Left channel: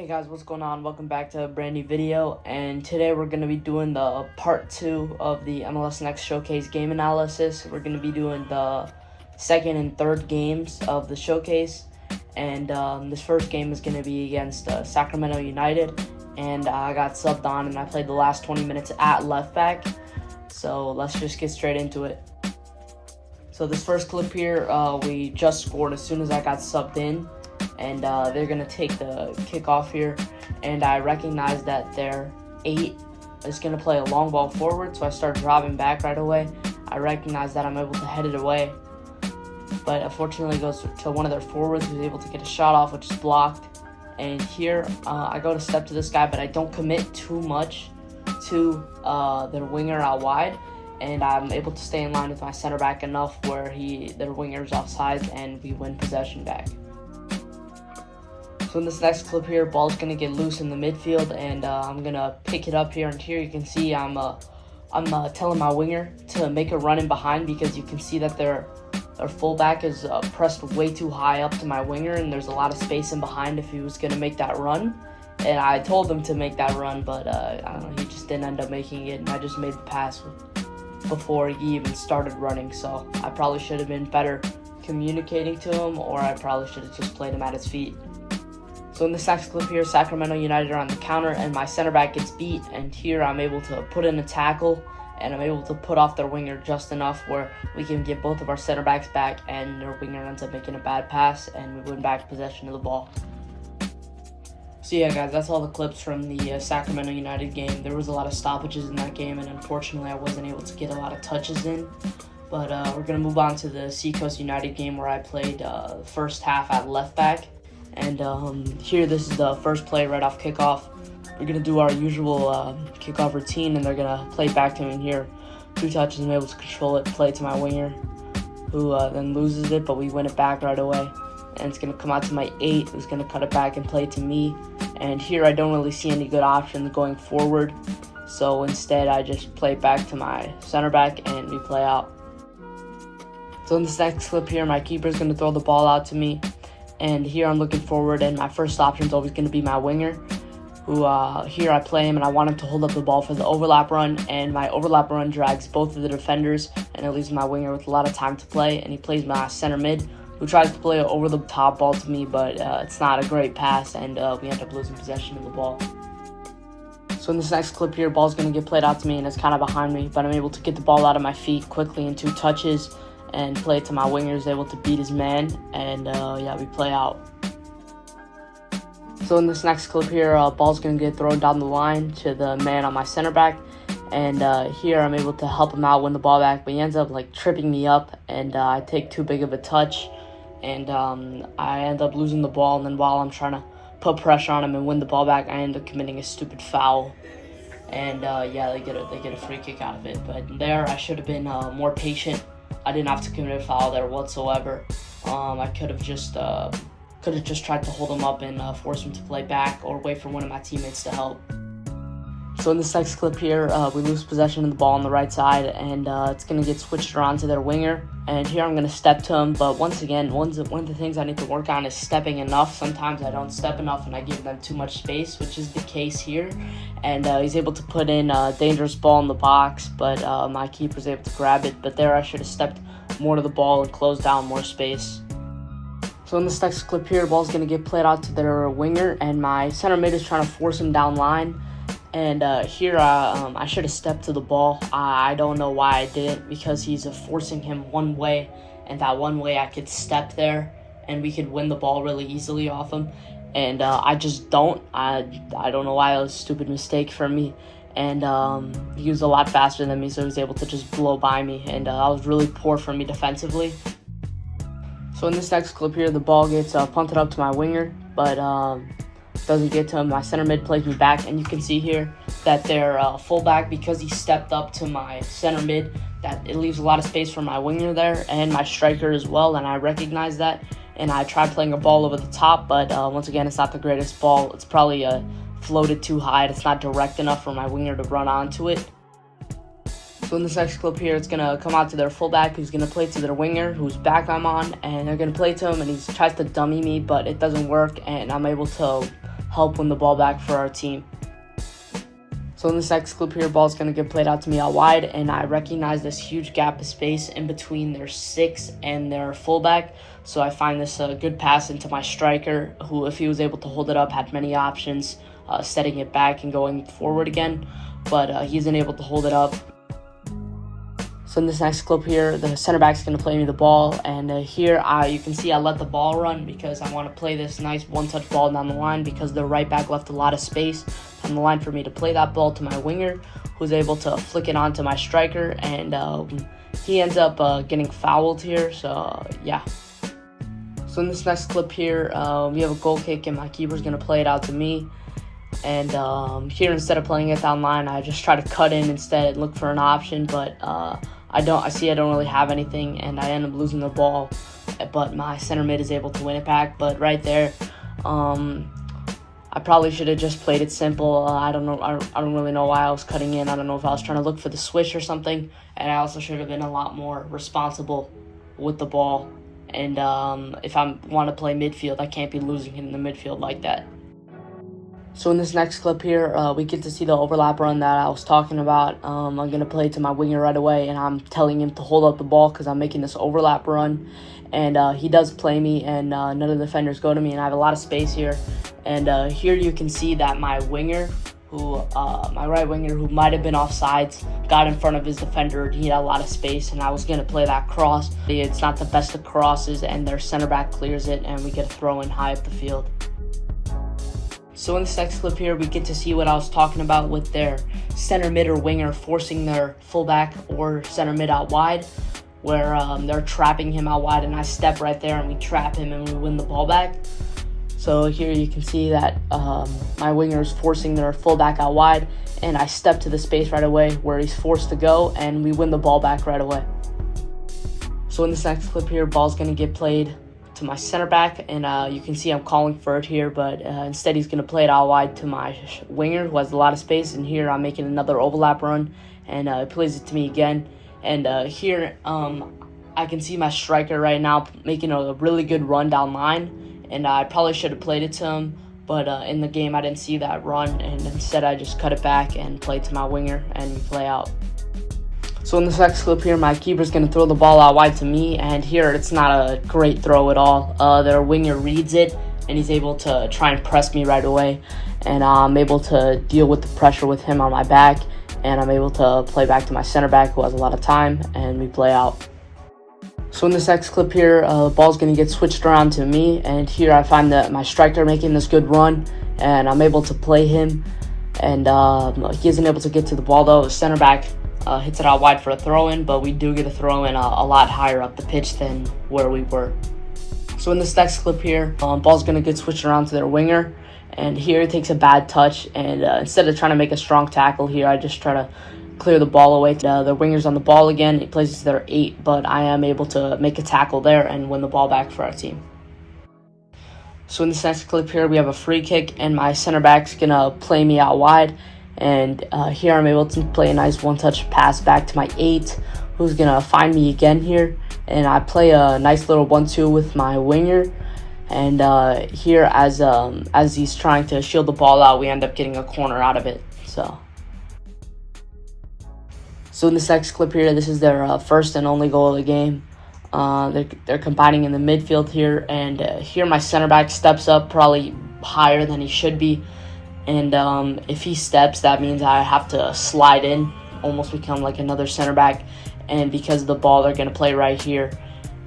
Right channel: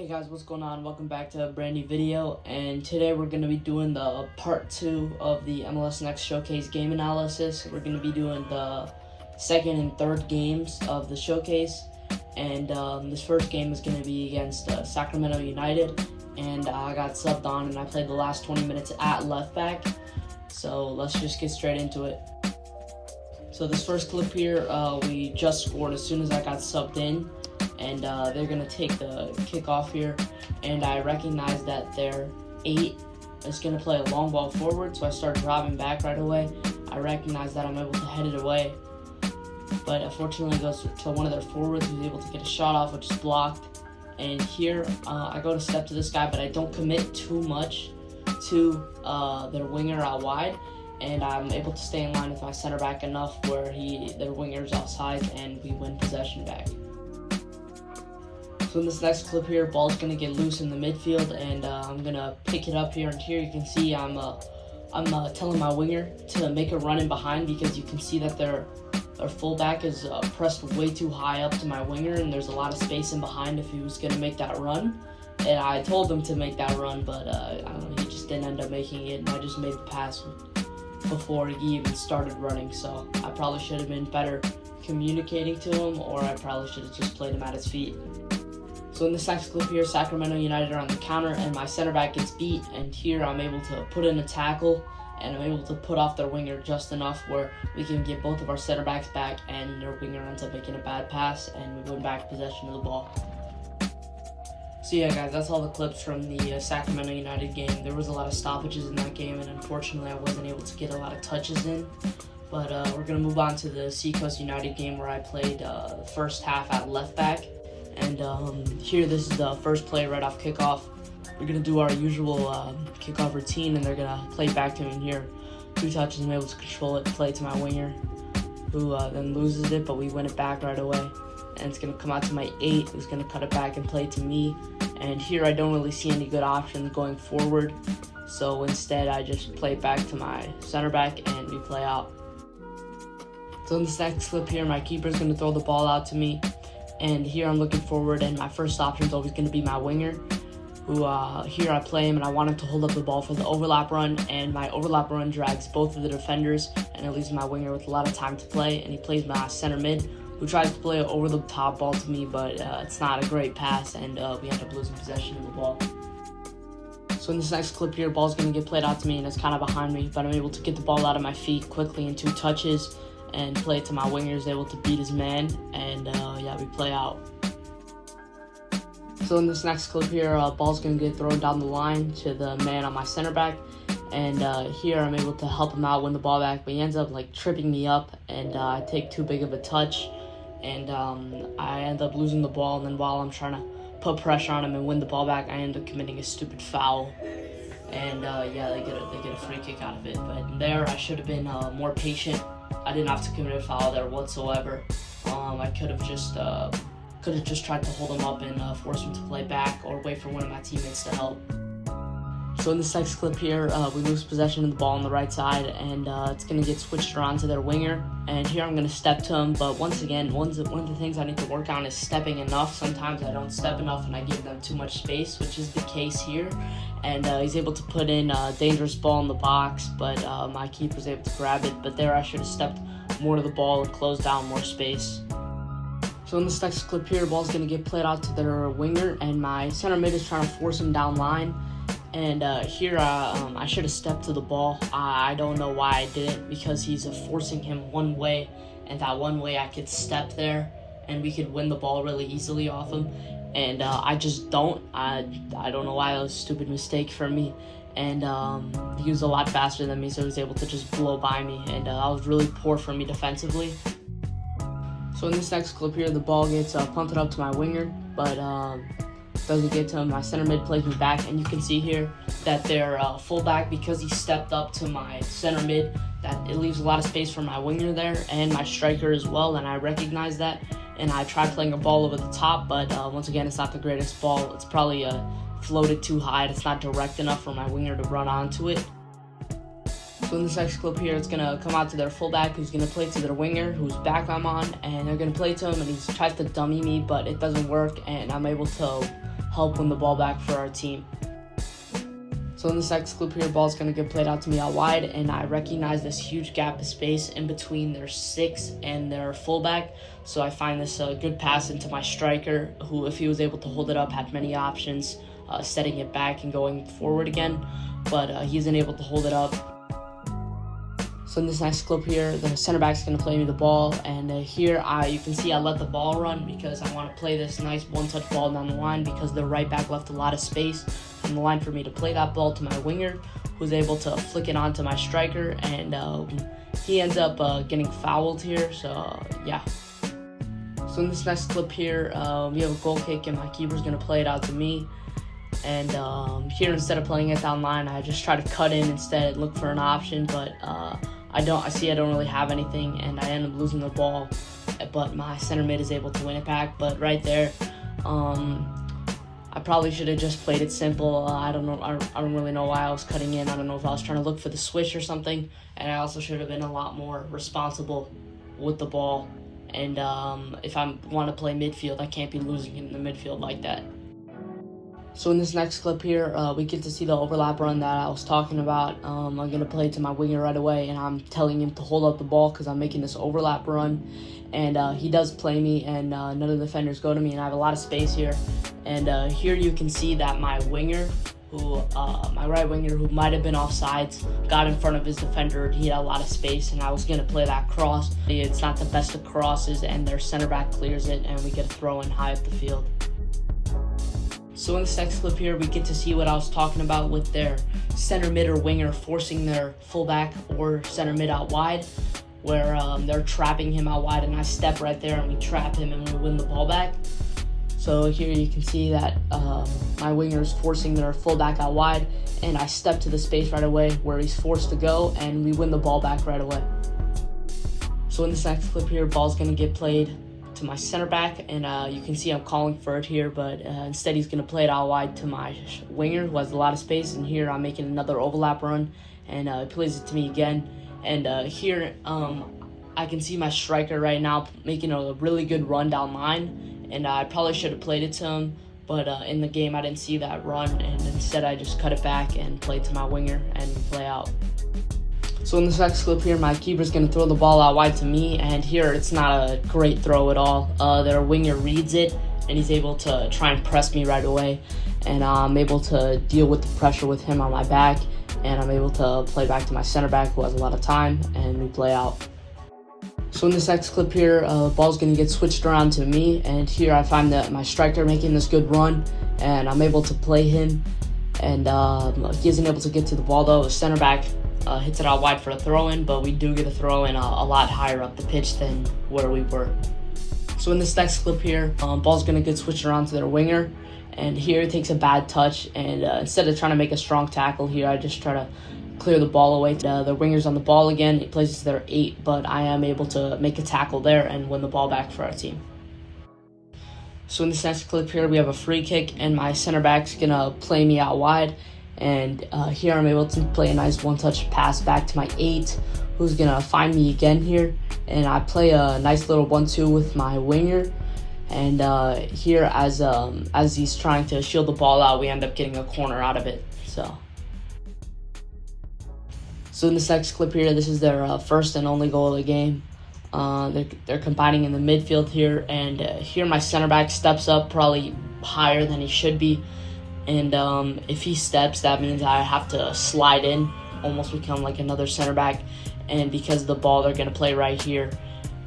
Hey guys, what's going on? Welcome back to a brand new video, and today we're going to be doing the part 2 of the MLS Next Showcase game analysis. We're going to be doing the second and third games of the showcase, and this first game is going to be against Sacramento United, and I got subbed on and I played the last 20 minutes at left back, so let's just get straight into it. So this first clip here, we just scored as soon as I got subbed in. And they're going to take the kickoff here, and I recognize that their 8 is going to play a long ball forward, so I start dropping back right away. I recognize that I'm able to head it away, but unfortunately it goes to one of their forwards who's able to get a shot off, which is blocked. And here I go to step to this guy, but I don't commit too much to their winger out wide, and I'm able to stay in line with my center back enough where their winger's outside, and we win possession back. So in this next clip here, ball's gonna get loose in the midfield, and I'm gonna pick it up here. And here you can see I'm telling my winger to make a run in behind, because you can see that their fullback is pressed way too high up to my winger, and there's a lot of space in behind if he was gonna make that run. And I told him to make that run, but I don't know, he just didn't end up making it, and I just made the pass before he even started running. So I probably should have been better communicating to him, or I probably should have just played him at his feet. So in this next clip here, Sacramento United are on the counter, and my center back gets beat, and here I'm able to put in a tackle, and I'm able to put off their winger just enough where we can get both of our center backs back, and their winger ends up making a bad pass, and we win back possession of the ball. So yeah guys, that's all the clips from the Sacramento United game. There was a lot of stoppages in that game, and unfortunately I wasn't able to get a lot of touches in. But we're going to move on to the Seacoast United game, where I played the first half at left back. And here, this is the first play right off kickoff. We're going to do our usual kickoff routine, and they're going to play back to me. And here, 2 touches, I'm able to control it, play to my winger, who then loses it, but we win it back right away. And it's going to come out to my 8, who's going to cut it back and play to me. And here, I don't really see any good options going forward, so instead, I just play it back to my center back, and we play out. So in this next clip here, my keeper's going to throw the ball out to me. And here I'm looking forward, and my first option is always going to be my winger, who here I play him, and I want him to hold up the ball for the overlap run, and my overlap run drags both of the defenders, and it leaves my winger with a lot of time to play, and he plays my center mid, who tries to play an over-the-top ball to me, but it's not a great pass, and we end up losing possession of the ball. So in this next clip here, ball's going to get played out to me, and it's kind of behind me, but I'm able to get the ball out of my feet quickly in 2 touches, and play it to my winger, is able to beat his man, and yeah, we play out. So in this next clip here, ball's going to get thrown down the line to the man on my center back, and here I'm able to help him out, win the ball back, but he ends up like tripping me up, and I take too big of a touch, and I end up losing the ball, and then while I'm trying to put pressure on him and win the ball back, I end up committing a stupid foul. And yeah, they get a free kick out of it, but there I should have been more patient. I didn't have to commit a foul there whatsoever. I could have just tried to hold him up and force him to play back, or wait for one of my teammates to help. So in this next clip here, we lose possession of the ball on the right side, and it's going to get switched around to their winger. And here I'm going to step to him, but once again, one of the things I need to work on is stepping enough. Sometimes I don't step enough and I give them too much space, which is the case here. And he's able to put in a dangerous ball in the box, but my keeper's able to grab it. But there I should have stepped more to the ball and closed down more space. So in this next clip here, the ball's going to get played out to their winger, and my center mid is trying to force him down line. And here I should have stepped to the ball. I don't know why I didn't, because he's forcing him one way, and that one way I could step there, and we could win the ball really easily off him. And I just don't. I don't know why. It was a stupid mistake from me. And he was a lot faster than me, so he was able to just blow by me. And that was really poor for me defensively. So in this next clip here, the ball gets punted up to my winger, but doesn't get to him. My center mid plays me back, and you can see here that their fullback, because he stepped up to my center mid, that it leaves a lot of space for my winger there and my striker as well, and I recognize that. And I tried playing a ball over the top, but once again, it's not the greatest ball. It's probably floated too high. It's not direct enough for my winger to run onto it. So in this next clip here, it's going to come out to their fullback, who's going to play to their winger, whose back I'm on, and they're going to play to him, and he tries to dummy me, but it doesn't work, and I'm able to help win the ball back for our team. So in this next clip here, ball's going to get played out to me out wide, and I recognize this huge gap of space in between their 6 and their fullback. So I find this a good pass into my striker, who, if he was able to hold it up, had many options, setting it back and going forward again. But he isn't able to hold it up. So in this next clip here, the center back's going to play me the ball, and here you can see I let the ball run because I want to play this nice one-touch ball down the line, because the right back left a lot of space in the line for me to play that ball to my winger, who's able to flick it onto my striker, and he ends up getting fouled here. So yeah. So in this next clip here, we have a goal kick, and my keeper's going to play it out to me. And here, instead of playing it down line, I just try to cut in instead, look for an option, but I don't really have anything, and I end up losing the ball, but my center mid is able to win it back. But right there, I probably should have just played it simple. I don't know. I don't really know why I was cutting in. I don't know if I was trying to look for the switch or something, and I also should have been a lot more responsible with the ball. And if I want to play midfield, I can't be losing in the midfield like that. So in this next clip here, we get to see the overlap run that I was talking about. I'm going to play to my winger right away, and I'm telling him to hold up the ball because I'm making this overlap run. And he does play me, and none of the defenders go to me, and I have a lot of space here. And here you can see that my winger, my right winger, who might have been offsides, got in front of his defender. He had a lot of space, and I was going to play that cross. It's not the best of crosses, and their center back clears it, and we get a throw in high up the field. So in this next clip here, we get to see what I was talking about with their center mid or winger forcing their fullback or center mid out wide, where they're trapping him out wide, and I step right there and we trap him and we win the ball back. So here you can see that my winger is forcing their fullback out wide, and I step to the space right away where he's forced to go, and we win the ball back right away. So in this next clip here, ball's going to get played to my center back, and you can see I'm calling for it here, but instead he's going to play it out wide to my winger, who has a lot of space. And here I'm making another overlap run, and he plays it to me again. And here I can see my striker right now making a really good run down line, and I probably should have played it to him, but in the game I didn't see that run, and instead I just cut it back and played to my winger and play out. So in this next clip here, my keeper's going to throw the ball out wide to me, and here it's not a great throw at all. Their winger reads it, and he's able to try and press me right away, and I'm able to deal with the pressure with him on my back, and I'm able to play back to my center back, who has a lot of time, and we play out. So in this next clip here, the ball's going to get switched around to me, and here I find that my striker making this good run, and I'm able to play him, and he isn't able to get to the ball though. The center back hits it out wide for a throw-in, but we do get a throw-in a lot higher up the pitch than where we were. So in this next clip here, ball's going to get switched around to their winger, and here it takes a bad touch, and instead of trying to make a strong tackle here, I just try to clear the ball away. The winger's on the ball again. It plays to their 8, but I am able to make a tackle there and win the ball back for our team. So in this next clip here, we have a free kick, and my center back's going to play me out wide. And here I'm able to play a nice one-touch pass back to my 8, who's going to find me again here. And I play a nice little 1-2 with my winger. And here, as he's trying to shield the ball out, we end up getting a corner out of it. So in this next clip here, this is their first and only goal of the game. They're combining in the midfield here. And here my center back steps up probably higher than he should be. And if he steps, that means I have to slide in, almost become like another center back. And because of the ball, they're going to play right here.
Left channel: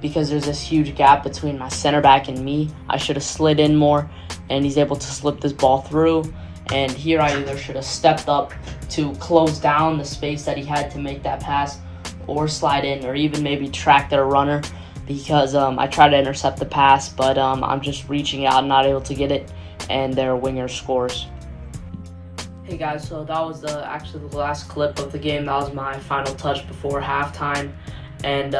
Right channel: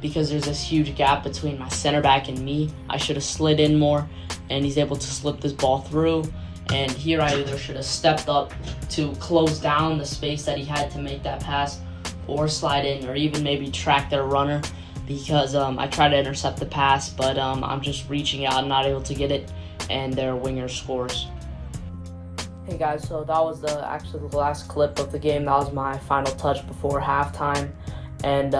Because there's this huge gap between my center back and me, I should have slid in more, and he's able to slip this ball through. And here I either should have stepped up to close down the space that he had to make that pass, or slide in, or even maybe track their runner, because I tried to intercept the pass, but I'm just reaching out, not able to get it, and their winger scores. Hey guys, so that was actually the last clip of the game. That was my final touch before halftime, and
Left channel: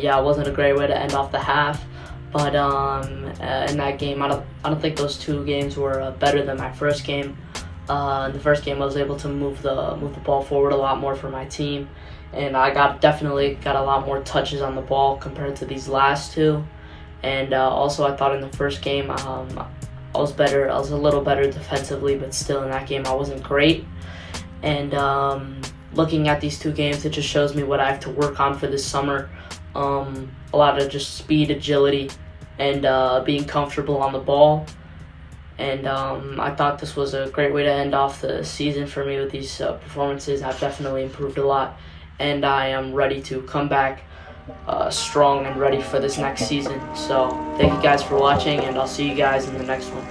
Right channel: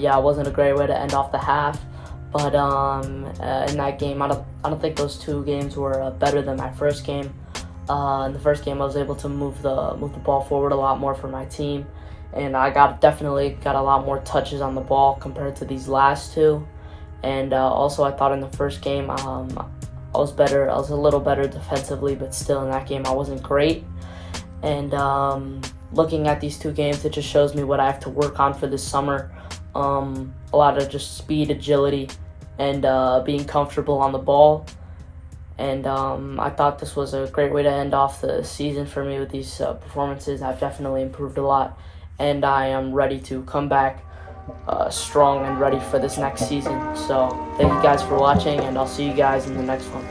yeah, it wasn't a great way to end off the half, but in that game, I don't think those two games were better than my first game. In the first game, I was able to move the ball forward a lot more for my team, and I definitely got a lot more touches on the ball compared to these last two. And also, I thought in the first game, I was better. I was a little better defensively, but still in that game I wasn't great. And looking at these 2 games, it just shows me what I have to work on for this summer. A lot of just speed, agility, and being comfortable on the ball. And I thought this was a great way to end off the season for me with these performances. I've definitely improved a lot, and I am ready to come back strong and ready for this next season. So thank you guys for watching, and I'll see you guys in the next one.